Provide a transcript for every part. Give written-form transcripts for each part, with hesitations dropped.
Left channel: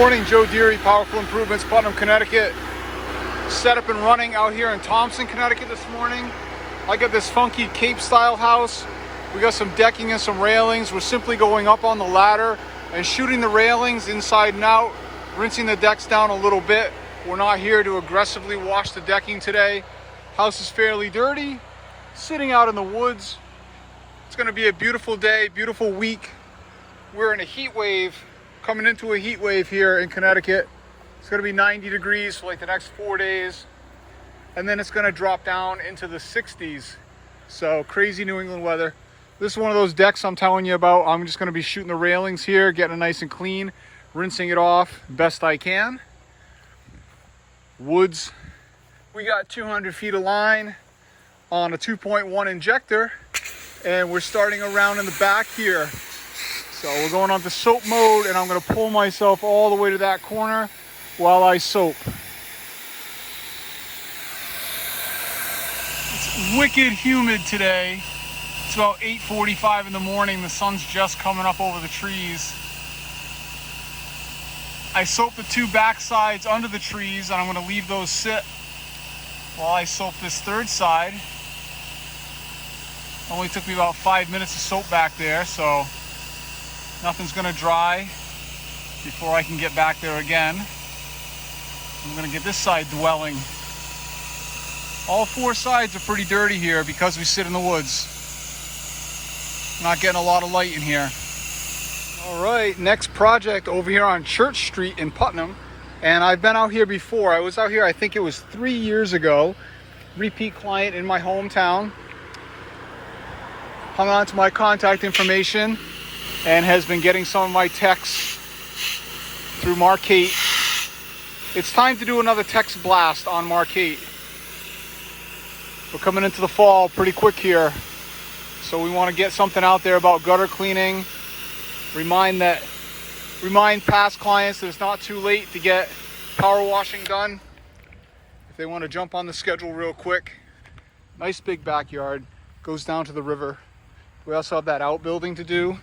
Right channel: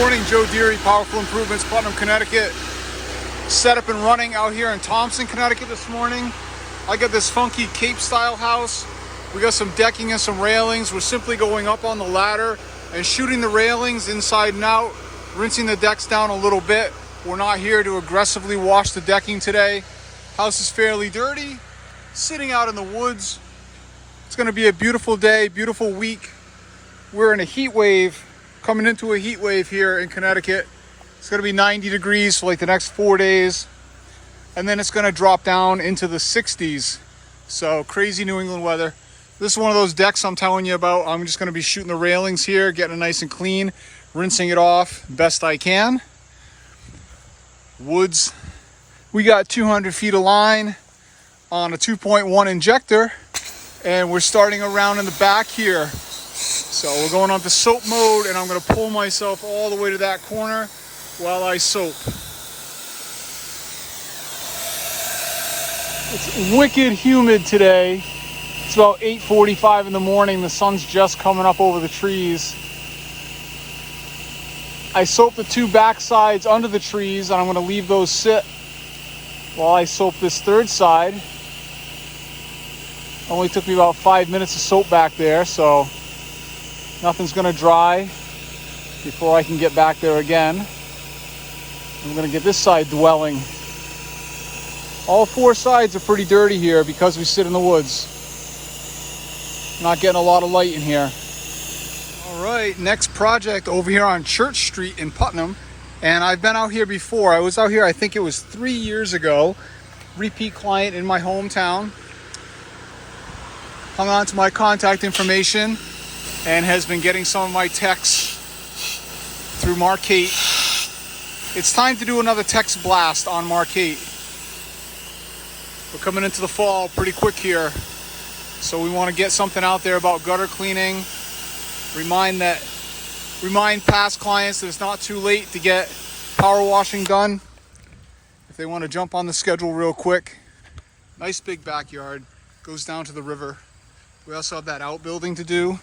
morning, Joe Deary, Powerful Improvements, Putnam, Connecticut. Set up and running out here in Thompson, Connecticut this morning. I got this funky Cape style house. We got some decking and some railings. We're simply going up on the ladder and shooting the railings inside and out, rinsing the decks down a little bit. We're not here to aggressively wash the decking today. House is fairly dirty, sitting out in the woods. It's gonna be a beautiful day, beautiful week. We're in a heat wave, coming into a heat wave here in Connecticut. It's gonna be 90 degrees for like the next 4 days. And then it's gonna drop down into the 60s. So crazy New England weather. This is one of those decks I'm telling you about. I'm just gonna be shooting the railings here, getting it nice and clean, rinsing it off best I can. Woods. We got 200 feet of line on a 2.1 injector, and we're starting around in the back here. So we're going on to soap mode, and I'm gonna pull myself all the way to that corner while I soap. It's wicked humid today. It's about 8:45 in the morning. The sun's just coming up over the trees. I soaped the two back sides under the trees, and I'm gonna leave those sit while I soap this third side. Only took me about 5 minutes to soap back there, so nothing's gonna dry before I can get back there again. I'm gonna get this side dwelling. All four sides are pretty dirty here because we sit in the woods. Not getting a lot of light in here. All right, next project over here on Church Street in Putnam. And I've been out here before. I was out here, I think it was 3 years ago. Repeat client in my hometown. Hung on to my contact information and has been getting some of my texts through Marquette. It's time to do another text blast on Marquette. We're coming into the fall pretty quick here. So we want to get something out there about gutter cleaning. Remind past clients that it's not too late to get power washing done if they want to jump on the schedule real quick. Nice big backyard, goes down to the river. We also have that outbuilding to do.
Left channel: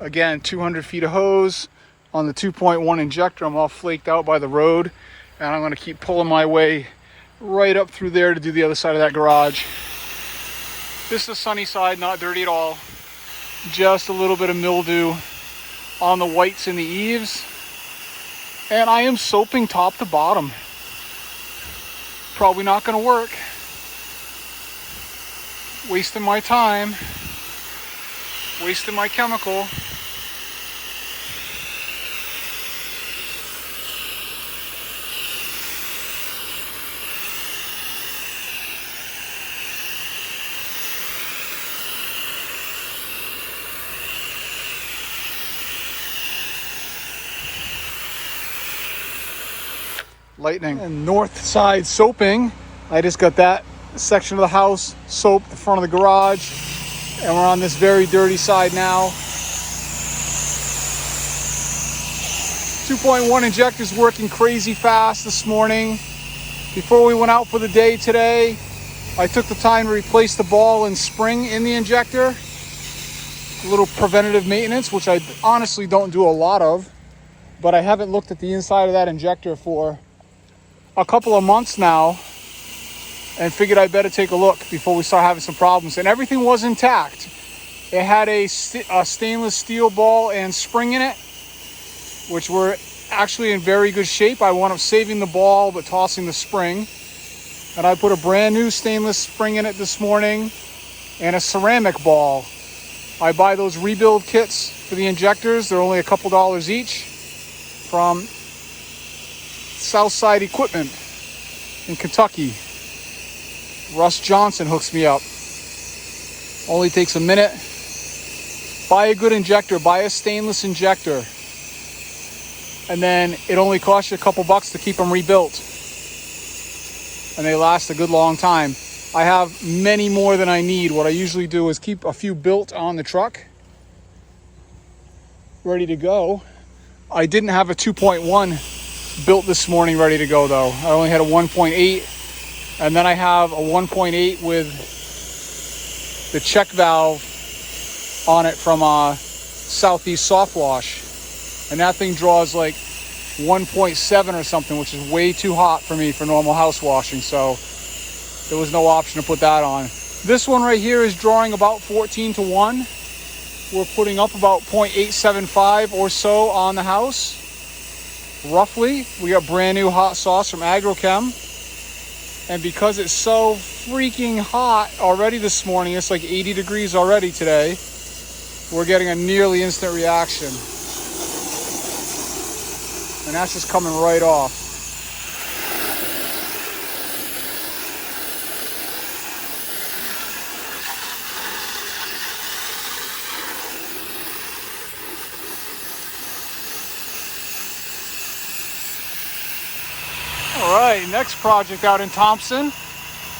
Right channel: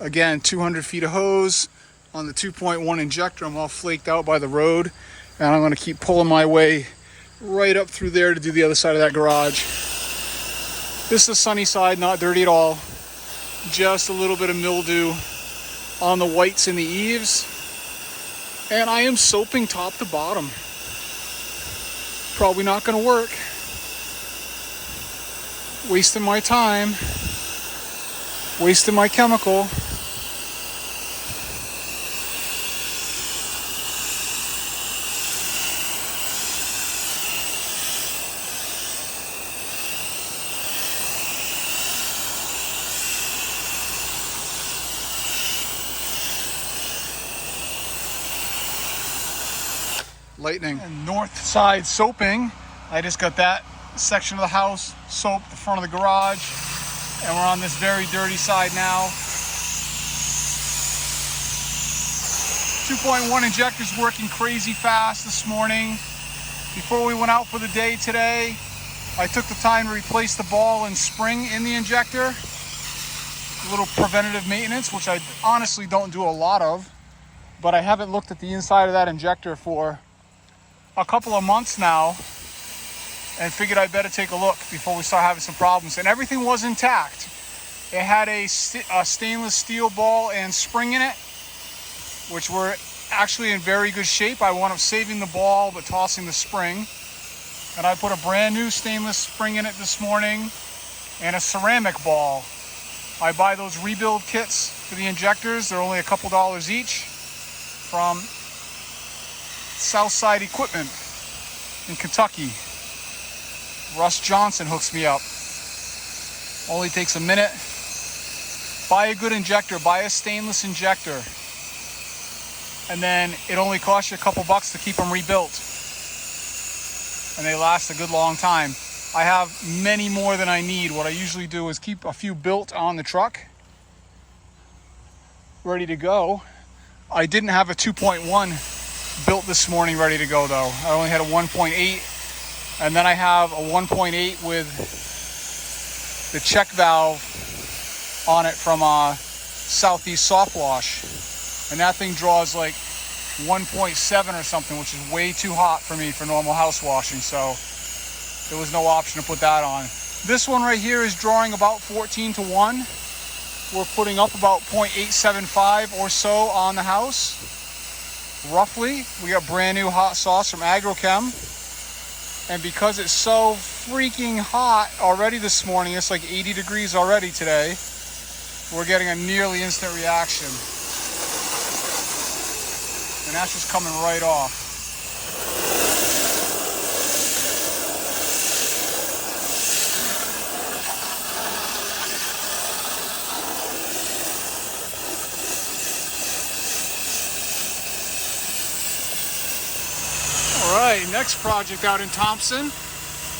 Again, 200 feet of hose on the 2.1 injector. I'm all flaked out by the road, and I'm going to keep pulling my way right up through there to do the other side of that garage. This is the sunny side, not dirty at all. Just a little bit of mildew on the whites in the eaves. And I am soaping top to bottom. Probably not gonna work. Wasting my time. Wasting my chemical. Lightning. And north side soaping. I just got that section of the house soaped, the front of the garage, and we're on this very dirty side now. 2.1 injector's working crazy fast this morning. Before we went out for the day today, I took the time to replace the ball and spring in the injector. A little preventative maintenance, which I honestly don't do a lot of, but I haven't looked at the inside of that injector for a couple of months now and figured I'd better take a look before we start having some problems. And everything was intact. It had a stainless steel ball and spring in it, which were actually in very good shape. I wound up saving the ball but tossing the spring. And I put a brand new stainless spring in it this morning and a ceramic ball. I buy those rebuild kits for the injectors. They're only a couple dollars each from Southside Equipment in Kentucky. Russ Johnson hooks me up. Only takes a minute. Buy a good injector, buy a stainless injector, and then it only costs you a couple bucks to keep them rebuilt, and they last a good long time. I have many more than I need. What I usually do is keep a few built on the truck, ready to go. I didn't have a 2.1 built this morning ready to go though. I only had a 1.8, and then I have a 1.8 with the check valve on it from Southeast Soft Wash, and that thing draws like 1.7 or something, which is way too hot for me for normal house washing. So there was no option to put that on. This one right here is drawing about 14 to 1. We're putting up about 0.875 or so on the house. Roughly, we got brand new hot sauce from Agrochem. And because it's so freaking hot already this morning, it's like 80 degrees already today, we're getting a nearly instant reaction. And that's just coming right off. All right, next project out in Thompson.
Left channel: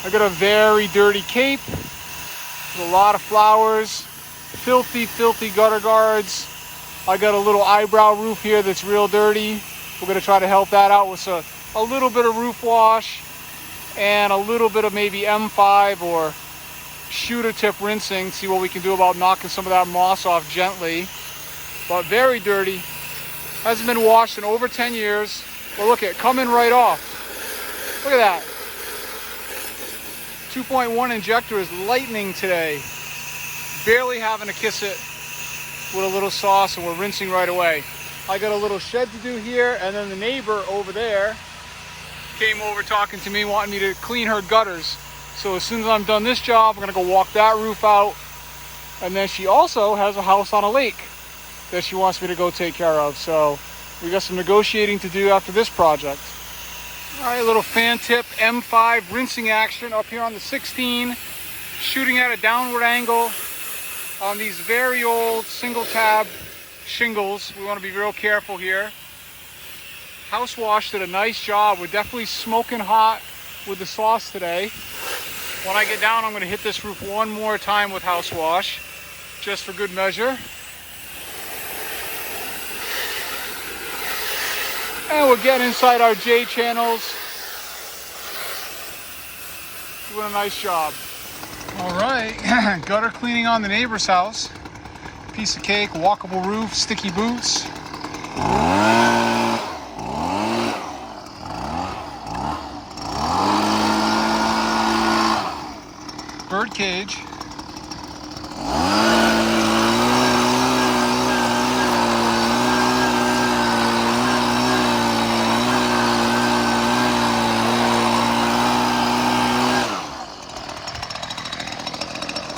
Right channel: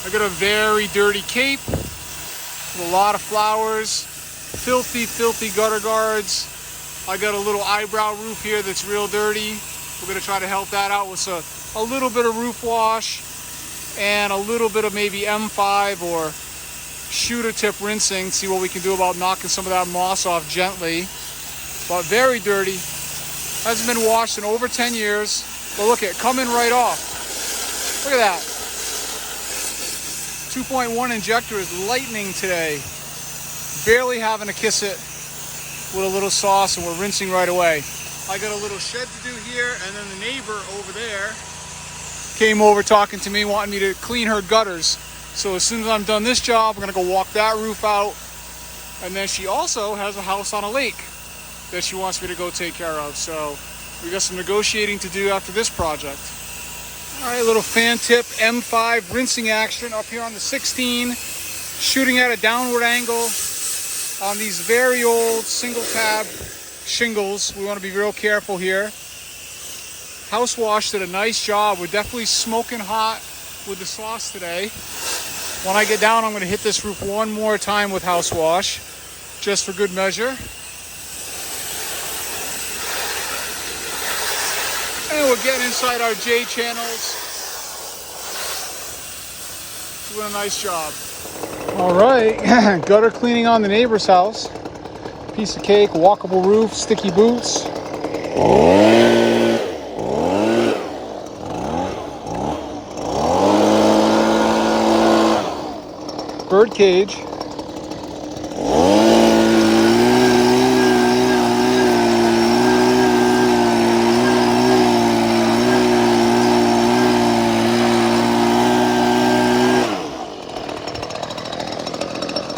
I got a very dirty cape with a lot of flowers, filthy, filthy gutter guards. I got a little eyebrow roof here that's real dirty. We're gonna try to help that out with a little bit of roof wash and a little bit of maybe M5 or shooter tip rinsing. See what we can do about knocking some of that moss off gently. But very dirty. Hasn't been washed in over 10 years. But look at it, coming right off. Look at that. 2.1 injector is lightning today. Barely having to kiss it with a little sauce, and we're rinsing right away. I got a little shed to do here, and then the neighbor over there came over talking to me, wanting me to clean her gutters. So as soon as I'm done this job, I'm gonna go walk that roof out. And then she also has a house on a lake that she wants me to go take care of. So we got some negotiating to do after this project. All right, a little fan tip M5 rinsing action up here on the 16, shooting at a downward angle on these very old single tab shingles. We want to be real careful here. House Wash did a nice job. We're definitely smoking hot with the sauce today. When I get down, I'm going to hit this roof one more time with House Wash, just for good measure. And we're getting inside our J channels. Doing a nice job. All right, gutter cleaning on the neighbor's house. Piece of cake, walkable roof, sticky boots. Bird cage.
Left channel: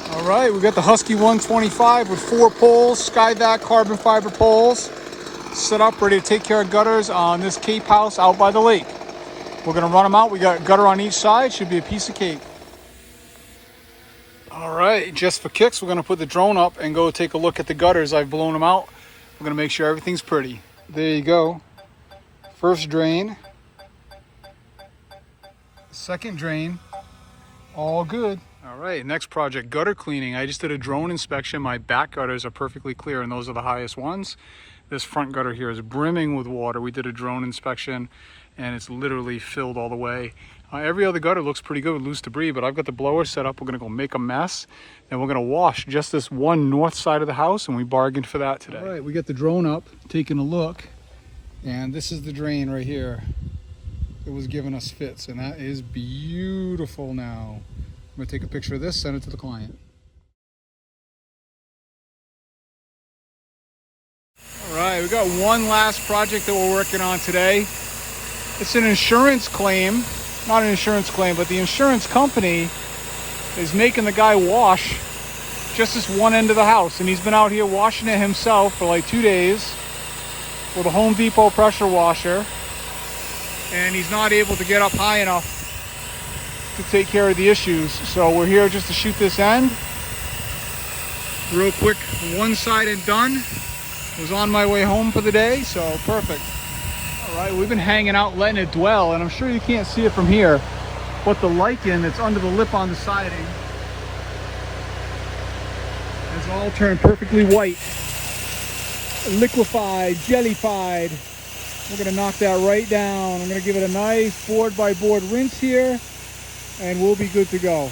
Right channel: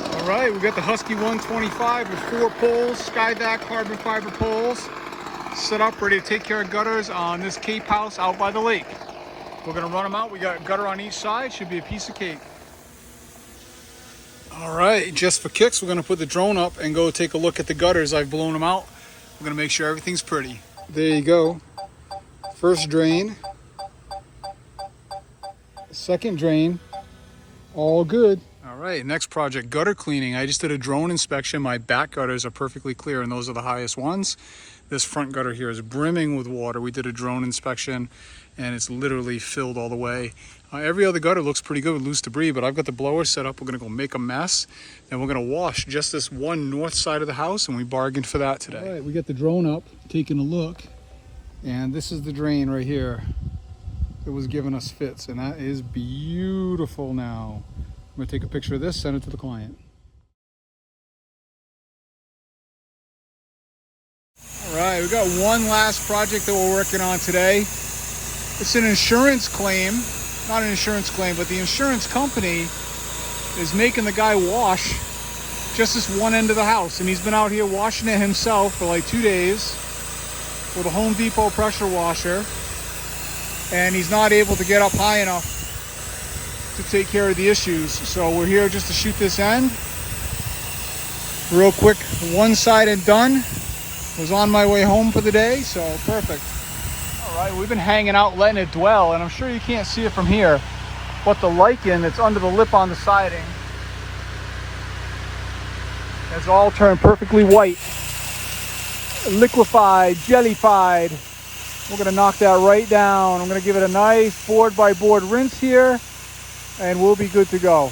All right, we got the Husky 125 with 4 poles, Skyvac carbon fiber poles, set up ready to take care of gutters on this Cape house out by the lake. We're gonna run them out. We got gutter on each side, should be a piece of cake. All right, just for kicks, we're gonna put the drone up and go take a look at the gutters. I've blown them out. We're gonna make sure everything's pretty. There you go. First drain. Second drain. All good. All right, next project, gutter cleaning. I just did a drone inspection. My back gutters are perfectly clear, and those are the highest ones. This front gutter here is brimming with water. We did a drone inspection, and it's literally filled all the way. Every other gutter looks pretty good with loose debris, but I've got the blower set up. We're gonna go make a mess, and we're gonna wash just this one north side of the house, and we bargained for that today. All right, we got the drone up, taking a look, and this is the drain right here. It was giving us fits, and that is beautiful now. I'm gonna take a picture of this, send it to the client. All right, we got one last project that we're working on today. It's an insurance claim, not an insurance claim, but the insurance company is making the guy wash just this one end of the house. And he's been out here washing it himself for like 2 days with a Home Depot pressure washer. And he's not able to get up high enough to take care of the issues. So we're here just to shoot this end. Real quick, one side and done. Was on my way home for the day, so perfect. All right, we've been hanging out, letting it dwell, and I'm sure you can't see it from here, but the lichen that's under the lip on the siding has all turned perfectly white. Liquefied, jellified. We're gonna knock that right down. I'm gonna give it a nice board by board rinse here, and we'll be good to go.